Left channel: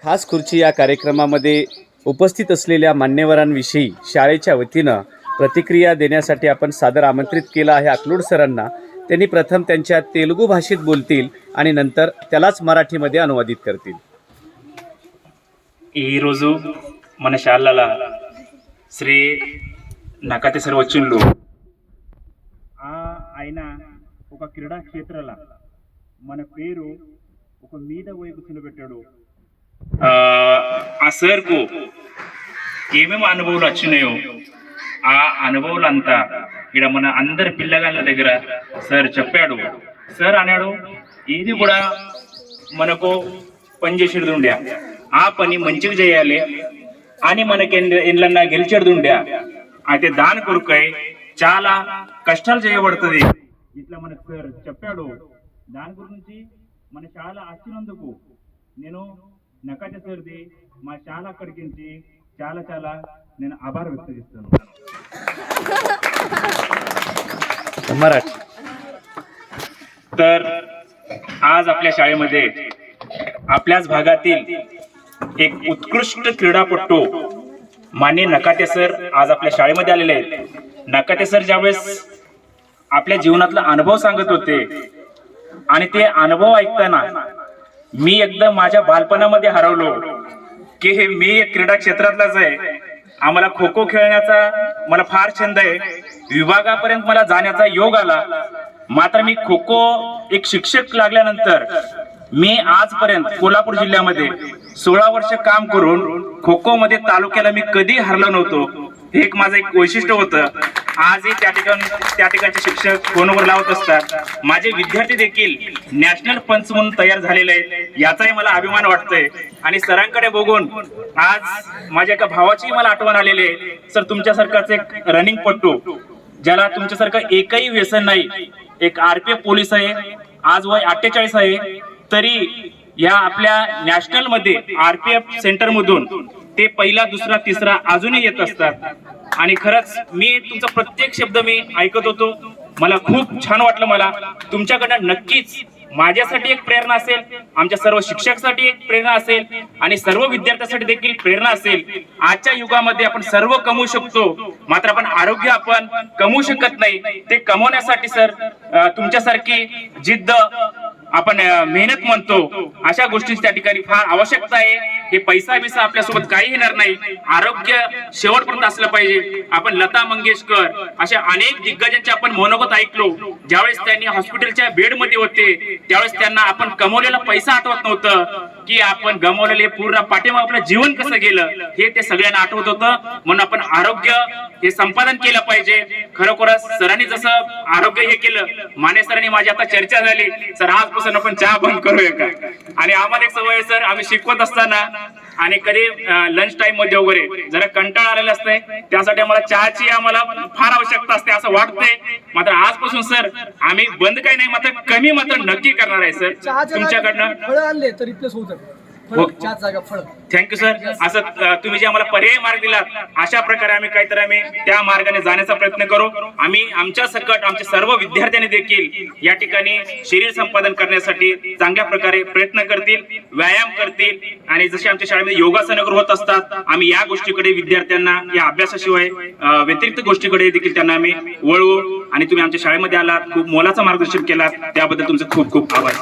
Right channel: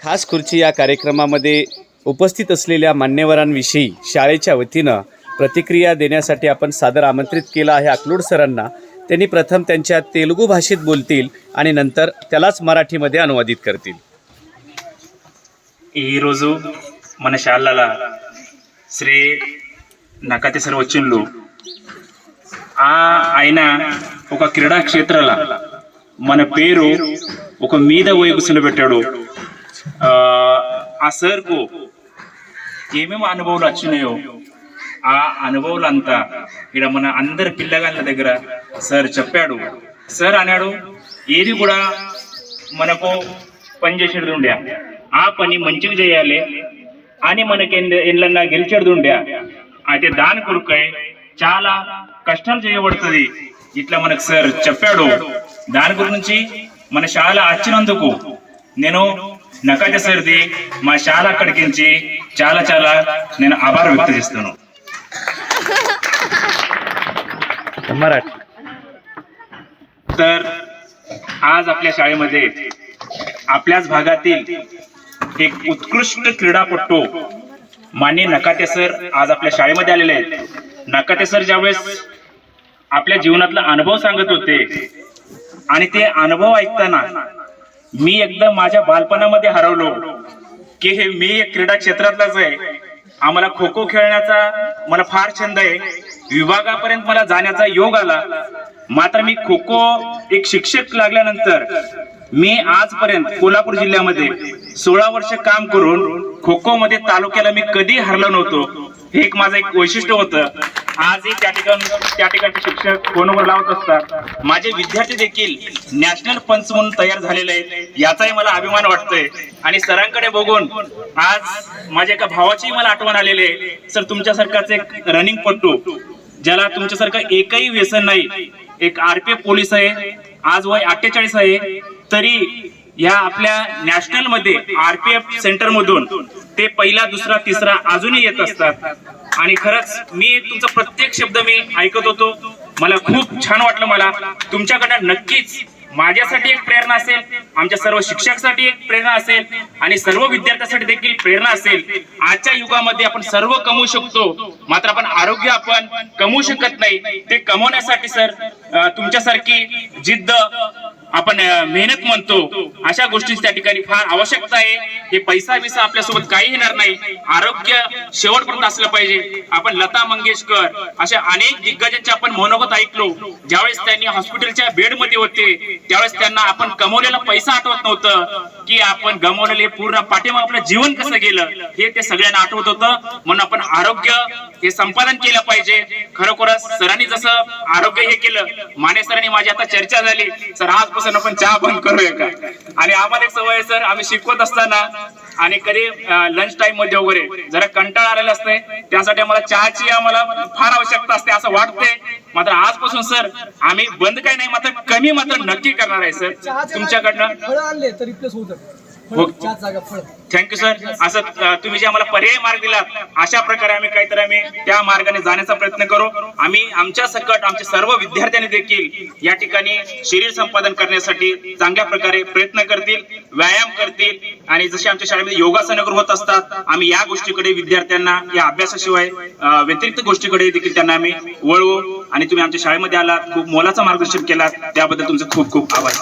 खास खुर्ची या कार्यक्रमामध्ये उपस्थित असलेल्या मान्यवरांविषयी शाळेच्या वतीनं प्रतिक्रिया देण्यासाठी आपण सादर आमंत्रित केलं आहे अकलूड सरांना त्यांनी प्रथम त्यांच्या तेलुगू भाषेत बोलतील आणि नंतर त्यालाच मराठीमध्ये अनुवादित करतील ఈరోజు మన శాలలో శ్రీ నకాతేశ్వర వచ్చిండ్లు ఆ ఆయన ఒక క్రీడా క్షేత్రాల మన పేరు ఒక మీద పోయి కూర్చుండబెట్టాడు ఆ, ఆ సార్కు ఏమేమి అనుభవాలు వచ్చినాయో ఆ అనుభవాలంతా ఇక్కడ మన అందరి పిల్లగాళ్ళ దగ్గర సార్ చెప్పాడు. సార్ అన్నాడు ఏది కూడా మనకు పని చేసేది ఉండే. ఆ పని మంచిగా చేయాలి అని మనకి ఎండ్లన్నా గెలిచేది ఉండే. అయితే దాని కొరకై చాలా కష్టాలు చేయబడుతుంది. ఇట్లా మనకు సార్ చెప్పాడు. దాని గురించి మన శాల వచ్చినందుకు నేను నకాజ సార్ది మా శాల అక్కడికించి చాలా చాలా నేను ఆభారం వ్యక్తం చేస్తాను मराठी तर आज आपल्या शाळेमध्ये आपल्याच भागातील एक उत्कृष्ट क्रीडापटू मान्य नकाते सर आज आपल्या शाळेमध्ये आलेले आहेत नकाते सर ज्यावेळेस आपल्या जीवनातला अनुभव सांगत होते आणि ते अनुभव ऐकताना मी एकदम माझ्या बालपणामध्ये हरवलो. की हे मी एक क्रीडा क्षेत्रातलाच आहे. आम्हाला खो खो खेळण्याचा मला फार छंद आहे. विभागापर्यंत मला जाण्याचा योग आला. मात्र मी खो खो एक शिक्षक लागल्यानंतर मी आजपर्यंत कोल्हापूर जिल्ह्यामध्ये सोळा वर्ष काम करून खो खो मध्ये तालुक्याला मी कधी हरलो नव्हतो. हे एक माझं एक वैशिष्ट्य होतं. आजही त्या ठिकाणी त्या ठिकाणचे शिक्षक फोनवर लावत असतात. माझे विद्यार्थी देखील नॅशनल पंच म्हणून तयार झालेले आहेत. याचाही मला अभिमान वाटतोय. आणि सरांकडे बघून आज माझ्या एका भावाचीही मला आठवण आलेली आहे. सर तुमच्यासारखाच एक रनिंग पट्टू ज्याला तुमच्यासारखं एकही व्यसन नाही. एक आरपीएफ पोलीस आहे. आज वय अठ्ठेचाळीस आहे. तरी या आपल्या नॅशनलमध्ये आरपीएफ सेंटर मधून ते पहिला दुसरा तिसरा अजूनही येत असतात. आणि खरंच मी तुमचा प्रत्येक शब्द मी ऐकत होतो. मला खूप छान वाटलं मला. तुमच्याकडनं नक्कीच माझ्यासाठी एक प्रेरणा असेल आमच्या सर्व शिक्षकासाठी एक प्रेरणा असेल आणि सर्व विद्यार्थ्यांसाठी देखील प्रेरणा असेल. आजच्या युगामध्ये आपण सर्व कमवू शकतो. मात्र आपण आरोग्य आपण कमवू शकत नाही. ते कमवण्यासाठी सर तुमच्यासारखी जिद्द आपण मेहनत म्हणतो. अशा गोष्टी त्या ठिकाणी फार आवश्यकता आहे. हे पैसा बिसा आपल्यासोबत काही येणार नाही. आरोग्य शेवटपर्यंत असलं पाहिजे. आपण लता मंगेशकर अशा अनेक दिग्गजांचे आपण मनोगत ऐकलो. ज्यावेळेस त्यांनी हॉस्पिटलच्या बेडमध्ये होते त्यावेळेस त्यांना आपण कमवलेला पैसा आठवत नव्हतं. की आपण गमवलेले पूर्ण पाठीमाग आपलं जीवन कसं गेलं हे ते सगळ्यांना आठवत होतं. म्हणून आपण आरोग्य हे संपादन केलं पाहिजे. खरोखरच सरांनी जसं आरोग्य हे केलं माने सरांनी माझी आता चर्चा झाली. सर आजपासून आपण चहा बंद करूया का? आणि आम्हाला एक सवय सर आम्ही शिकवत असताना आणि कधी लंच टाइममध्ये वगैरे जरा कंटाळा आलेला असतंय. त्यासाठी आम्हाला चहाची आम्हाला फार आवश्यकता असते असं वाटतंय. मात्र आजपासून सर आम्ही बंद काही नाही मात्र कमी मात्र नक्की करणार आहे सर. तुमच्याकडनं तर रिप्लेस होऊ थँक्यू सर असं अ, तुम्ही जे आम्हाला पर्याय मार्ग दिलात अशा प्रकारे आम्ही काहीतरी आम्ही त्या मार्गाने जाण्याचा प्रयत्न करू. आम्ही आमच्या सकट आमच्या सर्व विद्यार्थ्यांनी देखील या ठिकाणी शरीर संपादन करण्यासाठी चांगल्या प्रकारे प्रयत्न करतील व्यायाम करतील आणि जसे आमच्या शाळेमध्ये योगासन होत असतात आम्ही या गोष्टीकडे विद्यार्थ्यांना या अभ्यासाशिवाय व्यतिरिक्त गोष्टीकडे देखील त्यांना आम्ही वळवू. आणि तुम्ही आमच्या शाळेमध्ये आलात खूप मोलाचं मार्गदर्शन केलात त्याबद्दल तुमचे खूप खूप आभार.